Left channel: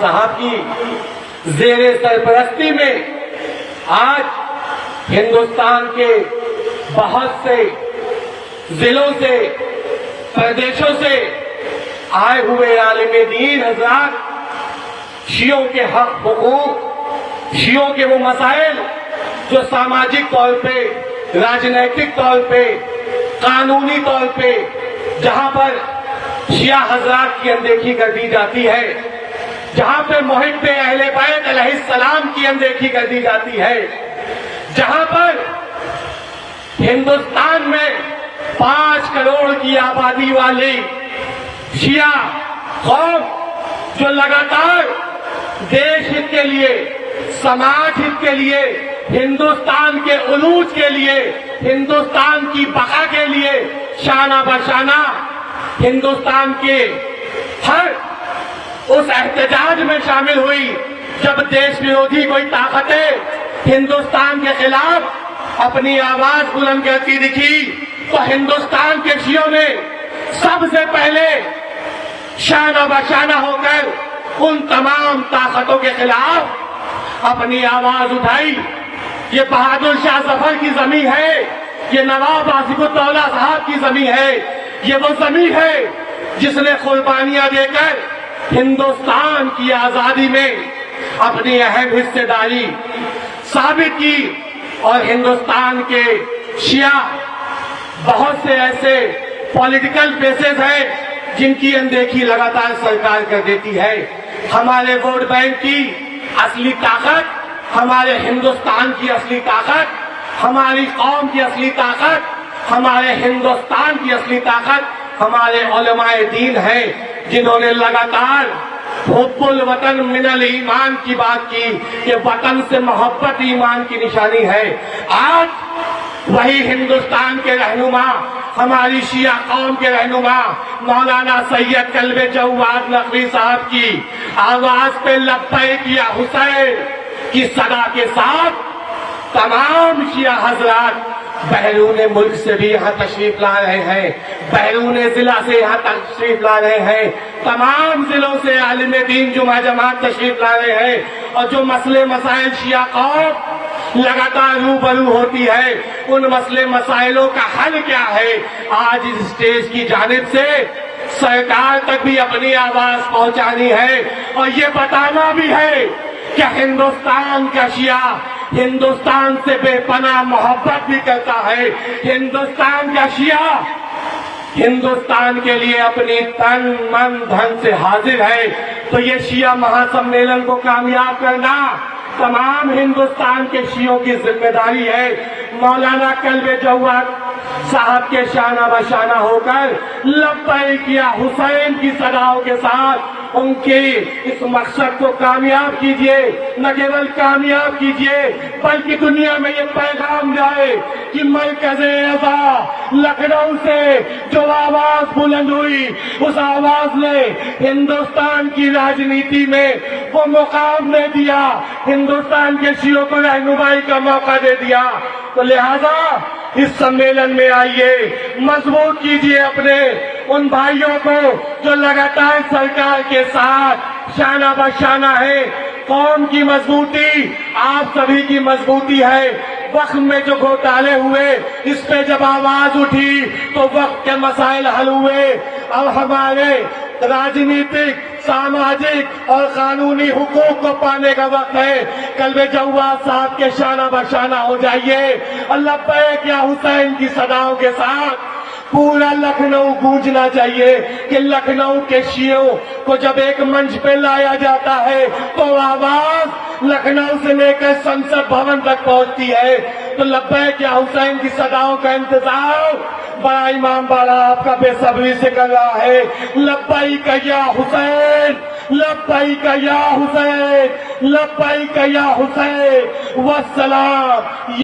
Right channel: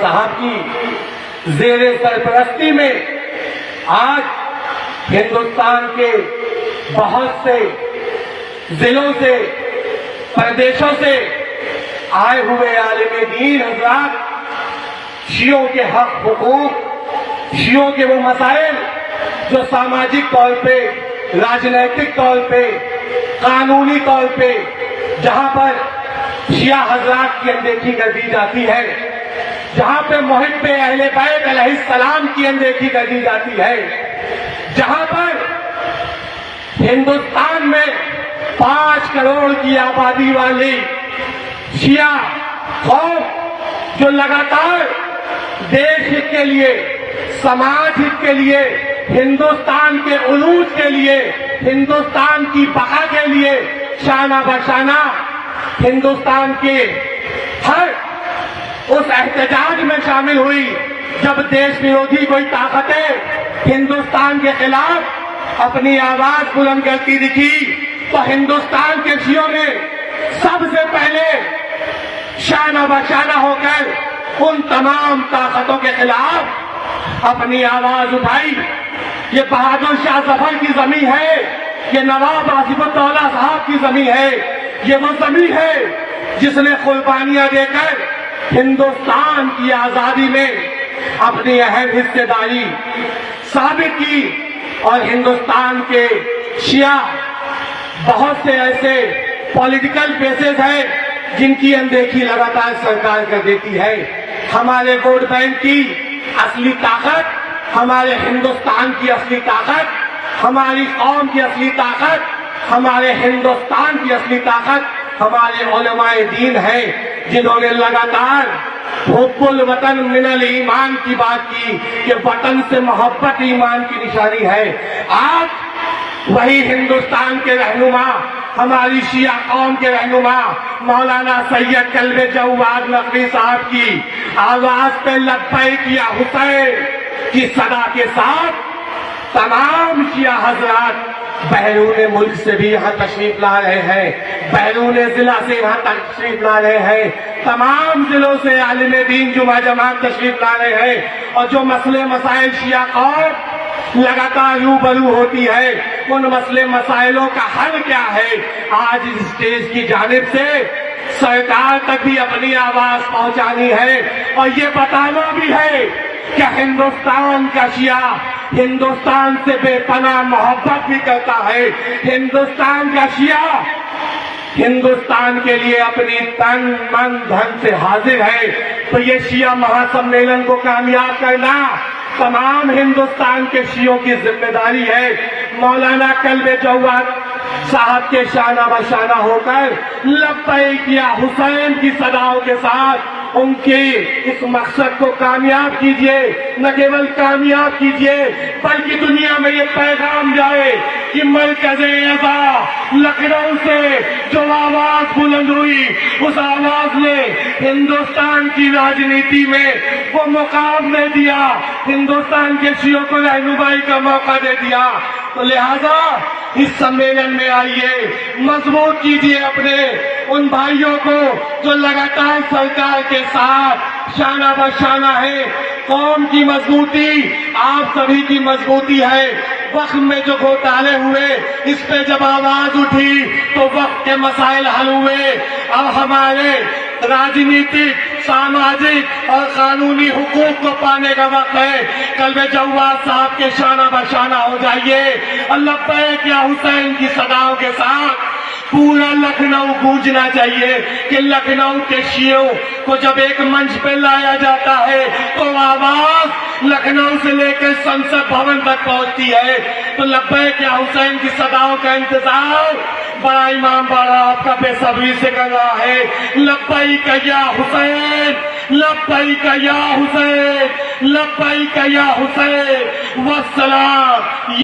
صاحب کی زیر سرپرستی میں آج ہندوستان کے بہت سے ضلعوں سے پردیشوں سے آئے ہوئے عالم دین حضرات شیعوں کے حق حقوق، شیعوں کے وہ مسائل جو سماجک طور پہ، راجنیتک طور پہ، قانونی طور پہ جہاں پر شیعہ حضرات کی اندیکھی کر دی جاتی ہے، جہاں پہ محب اہل بیت علیہ السلام کی اندیکھی کر دی جاتی ہے، جہاں پر ہندوستان میں 5 کروڑ کی آبادی والی شیعہ قوم جو لگاتار دیش ہت کے لیے، سماج ہت کے لیے، ہندوستان کے عروج کے لیے، ہندوستان کی بقا کے لیے شانہ بشانہ ہندوستان کے ہر اس احتجاج میں شامل ہوئی جب دیش ورودھی کوئی طاقتیں ہندوستان کے خلاف اپنی آواز بلند کرتی دکھی، تو ہندوستان کے شیعوں نے سب سے پہلے شانہ بشانہ ہو کر ان تمام طاقتوں کے خلاف اپنی آواز اٹھائی۔ یہ بہادر شاہ ظفر کی زمین ہے، یہ نواب آصف الدولہ صاحب کی زمین ہے، یہ وہ زمین ہے جس نے قربانیاں دے کر ہندوستان کی آزادی میں اپنی اہم حصہ داری ثابت کی، اور ہندوستان کے شیعہ بہت سے ایسے پولیٹیکل بیسز ہیں جن کی اندیکھی لگاتار سرکار کر دیتی ہے۔ ہمارے ووٹ بینک کی اصلی طاقت، ہمارے ہندوستان کی اصلی طاقت، ہماری قوم کی اصلی طاقت، ہمارے ہندوستان کی اصلی طاقت ہمارے علماء دین ہیں، جنہوں نے لگاتار حب الوطن من الایمان کی بات کی کہ وطن سے محبت ایمان کی نشانی ہے۔ آج وہی ہندوستان کے رہنما، ہماری شیعہ قوم کے رہنما مولانا سید کلب جواد نقوی صاحب کی آواز پہ لبیک یا حسین کی صدا کے ساتھ تمام شیعہ حضرات بیرون ملک سے بھی یہاں تشریف لا رہے ہیں، بیرون ضلع سے یہاں تشریف لا رہے ہیں، تمام ضلعوں سے عالم دین جمعہ جماعت تشریف لا رہے ہیں، اور جو مسئلے مسائل شیعہ قوم لگاتار روبرو ہوتی ہے، ان مسئلے مسائلوں کا حل کیا ہے، آج اس اسٹیج کی جانب سے سرکار تک بھی اپنی آواز پہنچانی ہے، اور یہ بتانا بھی ہے کہ ہندوستان کا شیعہ ہندوستان سے بے پناہ محبت بھی کرتا ہے، ہندوستان کا شیعہ ہندوستان کے لیے اپنی تن من دھن سے حاضر ہے۔ تو یہ شیعہ مہا سمیلن کو کامیاب کرنا تمام ہندوستان کے شیعوں کی ذمہ داری ہے۔ مولانا کلب جواد صاحب کے شانہ بشانہ ہو کر لبیک یا حسین کی صداؤں کے ساتھ ان کے اس مقصد کو کامیاب کیجئے، نہ کیول کامیاب کیجئے بلکہ دنیا میں یہ پیغام جائے کہ مرکز اعضا لکھنؤ سے جو آواز بلند ہوئی، اس آواز نے ہندوستان کی راجنیتی میں وہ مقام دے دیا، ہندوستان کے شیعوں کو رہنمائی کا موقع دے دیا۔ تو لہذا اس سمیلن میں آئیے، مضبوط کیجئے اپنے ان بھائیوں کو جو لگاتار سرکار کے ساتھ شانہ بشانہ ہے۔ قوم کی مضبوطی آپ سبھی کی مضبوطی ہے۔ وقت میں جو گھوٹالے ہوئے اس پہ جب آواز اٹھی تو وقت کے مسائل حل ہوئے۔ اب ہمارے راجنیتک، سماجک اور قانونی حقوق کو پانے کا وقت ہے۔ کلب جواد صاحب کے شانہ بشانہ ہو جائیے، لبیک یا حسین کی صداؤں کے ساتھ پورا لکھنؤ گونجنا چاہیے کہ لکھنؤ کے شیعوں کو جب ایک منچ پہ لایا جاتا ہے تو آواز لکھنؤ سے لے کر سنسد بھون تک پہنچتی ہے۔ تو لبیک یا حسین کی صداؤں کا انتظار بڑا امام باڑا آپ کا بے صبری سے کر رہا ہے۔ لبیک یا حسین، لبیک یا حسین، لبیک یا حسین، والسلام۔